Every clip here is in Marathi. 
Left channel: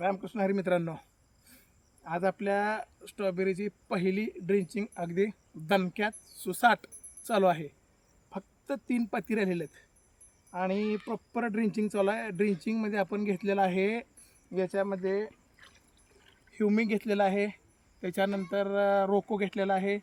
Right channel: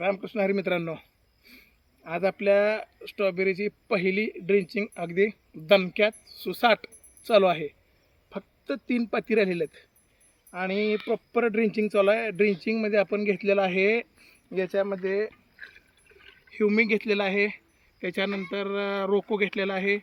रामकृष्ण हरी मित्रांनो, आज आपल्या स्ट्रॉबेरीची पहिली ड्रिंचिंग अगदी दणक्यात सुसाट चालू आहे. फक्त 3 पाती राहिलेले आहेत आणि प्रॉपर ड्रिंचिंग चालू आहे. ड्रिंचिंगमध्ये आपण घेतलेलं आहे, याच्यामध्ये ह्युमिक घेतलेलं आहे, त्याच्यानंतर रोको घेतलेला आहे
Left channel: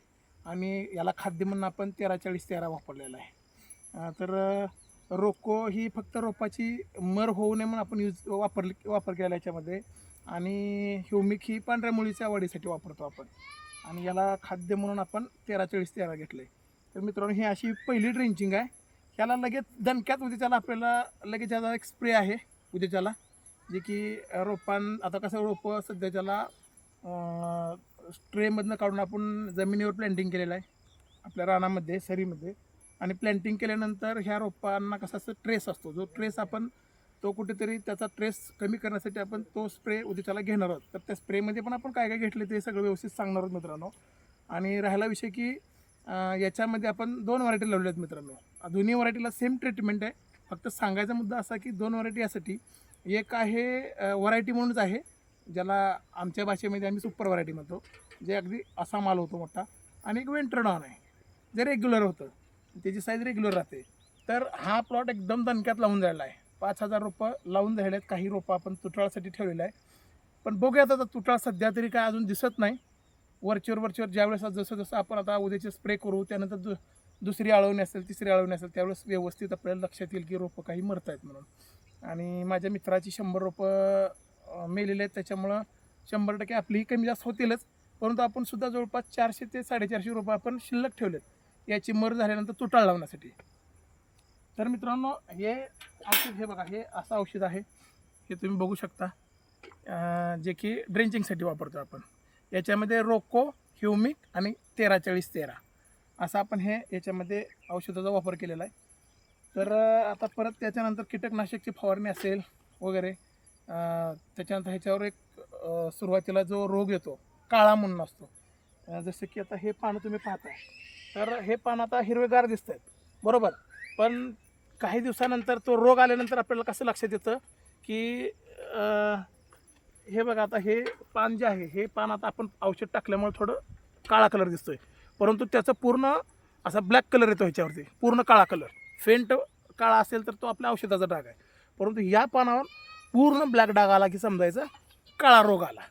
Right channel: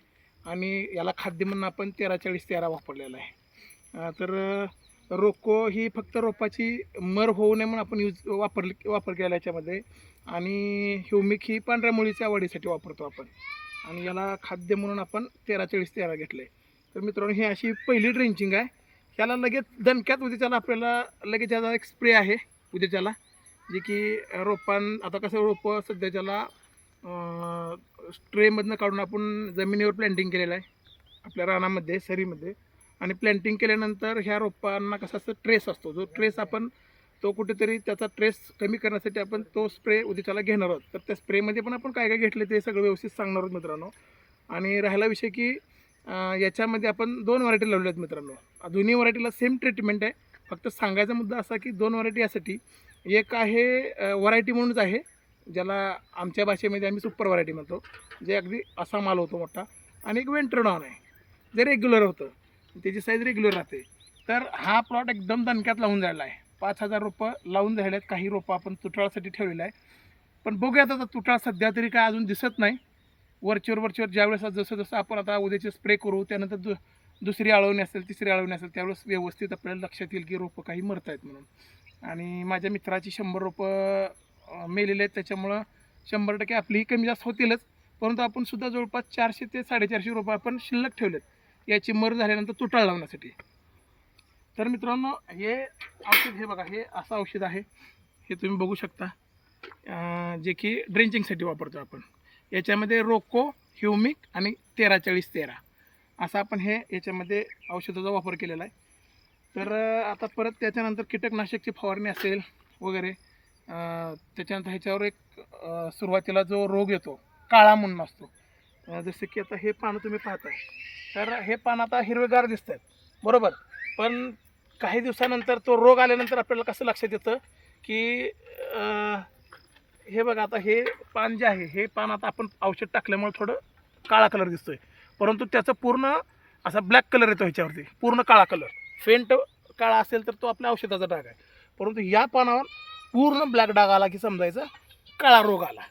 आणि याला खाद्य म्हणून आपण 13-40-13 वापरलेला आहे. रोको ही फक्त रोपाची मर होऊ नये म्हणून आपण वापर केला याच्यामध्ये. आणि ह्युमिक ही पांढऱ्या मुळीच्या वाढीसाठी वापरतो आपण आणि याला खाद्य म्हणून आपण 13-40-13 घेतले. तर मित्रांनो, ही अशी पहिली ड्रिंचिंग आहे. ह्याला लगेच दणक्यात उद्याच्याला आपल्याला लगेच याचा एक स्प्रे आहे उद्याच्याला, जे की आता कसं रोपं सध्याच्याला स्ट्रेमधनं काढून आपण जमिनीवर प्लॅन्टिंग केलेलं आहे आपल्या रानामध्ये, सरीमध्ये. आणि प्लॅन्टिंग केल्यानंतर ह्या रोपांना कसा असं ट्रेस असतो, जो ट्रेस आपण तो कुठेतरी त्याचा ट्रेस कमी करण्यासाठी आपण तो स्प्रे उद्याच्याला घेणार आहोत. तर त्या स्प्रेमध्ये पण आपण काय काय घेतले ते सगळं व्यवस्थित सांगणार आहोत मित्रांनो. आणि राहिला विषय की याच्यामध्ये आपण 2 व्हरायटी लावलेल्या आहेत मित्रांनो. दोन्ही व्हरायटीला सेम ट्रीटमेंट आहे. फक्त सांगायचा मुद्दा असा की 2 व्हरायटी यासाठी, एक आहे व्हरायटी म्हणूनच आहे, ज्याला आमच्या भाषेमध्ये आम्ही सुपर व्हरायटी म्हणतो, जे अगदी असा माल होतो मोठा. आणि एक वेंट्रोनॉन आहे, जे रेग्युलर होतं, त्याची साईज रेग्युलर राहते. तर हा प्लॉट एकदम दणक्यात लावून जायला आहे. 5,000 रोपं लावून झाले आहेत. काही रोपं आपण तुटाळासाठी ठेवलेलं आहे, पण बघूयात आता तुटाळ सध्या तरी काय अजून दिसत नाही. वरचीवर ज्यावेळेस जसं आपण आता उद्याचे स्प्रे करू, त्यानंतर दुसरी आळवणी असेल, तिसरी आळवणी असेल, त्यावेळेस व्यवस्थित आपल्याला लक्षात येईल की रोपं काही मरत आहेत म्हणून. आणि माझ्या मित्राची 100 रोपं मेलेले आहेत, त्याच्यामुळं 100% आपलीही कमी जास्त होतीलच. परंतु आपण सुद्धा जवळपास 400 ते 450 रोपं आपण शिल्लक ठेवलेत याची मर झाल्यानंतर तुटाळ लावण्यासाठी. तर मित्रांनो, हे औषध, हे बघा, हे असं औषध आहे, हे तुम्ही बघू शकता, जे की ड्रेंचिंगसाठी वापरतो आपण. याच्यामध्ये रोको, ह्युमिक आणि 13-40-13 असा आपण याच्यामध्ये औषधाचा वापर केलेला आहे. तर आता परत त्याच्यानंतर कीटकनाशकची फवारणी असेल वगैरे. त्याच्यानंतर ह्याच्यावर एक सुरुवातीला जो रोग येतो, काळा म्हणून असतो, जसं की आता हे पानं तुम्ही पाहताय, तर हे पानं आता हिरवेगार दिसत आहेत, बरोबर. पण काही दिवसानंतर तो रोग आल्यानंतर आपल्याला कसं लक्षात येतं की हे बघा, आता हे पान जे आहे, हे पान आता आपण औषध टाकल्यामुळे थोडं काळा कलर दिसतोय, परंतु त्याचं पूर्ण असा ब्लॅक कलर येतो ह्याच्यावरती, पूर्ण काळा कलर. फेंट काळा असेल तर तो आपल्या औषधाचा डाग आहे, परंतु या पानावर पूर्ण ब्लॅक डाग आला की समजायचं काळा रोग आला.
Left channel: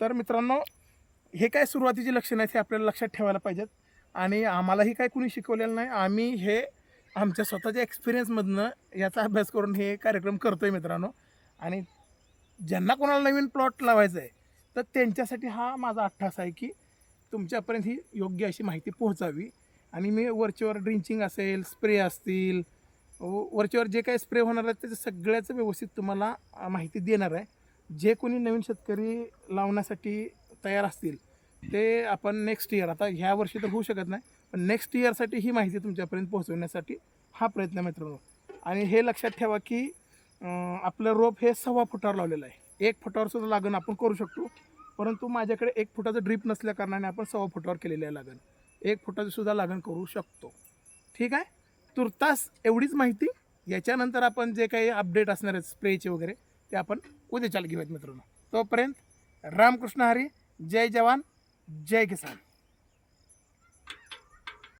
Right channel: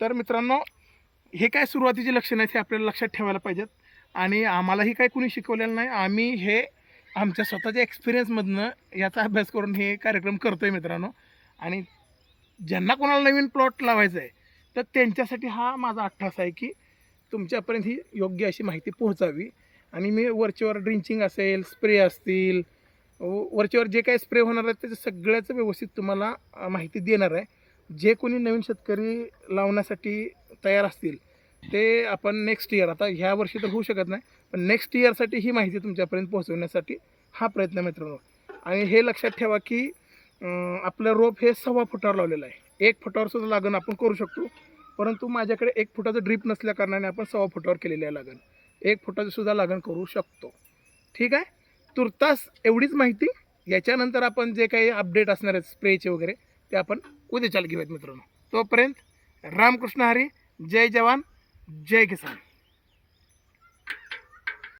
तर मित्रांनो, हे काय सुरुवातीचे लक्षण आहेत हे आपल्याला लक्षात ठेवायला पाहिजेत. आणि आम्हालाही काय कुणी शिकवलेलं नाही, आम्ही हे आमच्या स्वतःच्या एक्सपिरियन्समधनं याचा अभ्यास करून हे कार्यक्रम करतो आहे मित्रांनो. आणि ज्यांना कोणाला नवीन प्लॉट लावायचा आहे, तर त्यांच्यासाठी हा माझा अट्टास आहे की तुमच्यापर्यंत ही योग्य अशी माहिती पोहोचावी. आणि मी वरचेवर ड्रिंचिंग असेल, स्प्रे असतील, वरचेवर जे काही स्प्रे होणार आहे त्याचं सगळ्याचं व्यवस्थित तुम्हाला माहिती देणार आहे. जे कोणी नवीन शेतकरी लावण्यासाठी तयार असतील ते आपण नेक्स्ट इयर, आता ह्या वर्षी तर होऊ शकत नाही, पण नेक्स्ट इयरसाठी ही माहिती तुमच्यापर्यंत पोहोचवण्यासाठी हा प्रयत्न मित्रांनो. आणि हे लक्षात ठेवा की आपलं रोप हे 1.25 फुटावर लावलेलं आहे. 1 फुटावर सुद्धा लागण आपण करू शकतो, परंतु माझ्याकडे 1 फुटाचं ड्रीप नसल्या कारणाने आपण 1.25 फुटावर केलेलं आहे लागण. 1 फुटाचं सुद्धा लागण करू शकतो. ठीक आहे, तुर्तास एवढीच माहिती. याच्यानंतर आपण जे काही अपडेट असणार आहेत स्प्रेचे वगैरे, ते आपण उद्याच्याला घेऊयात मित्रांनो. तोपर्यंत रामकृष्ण हरी, जय जवान, जय किसान.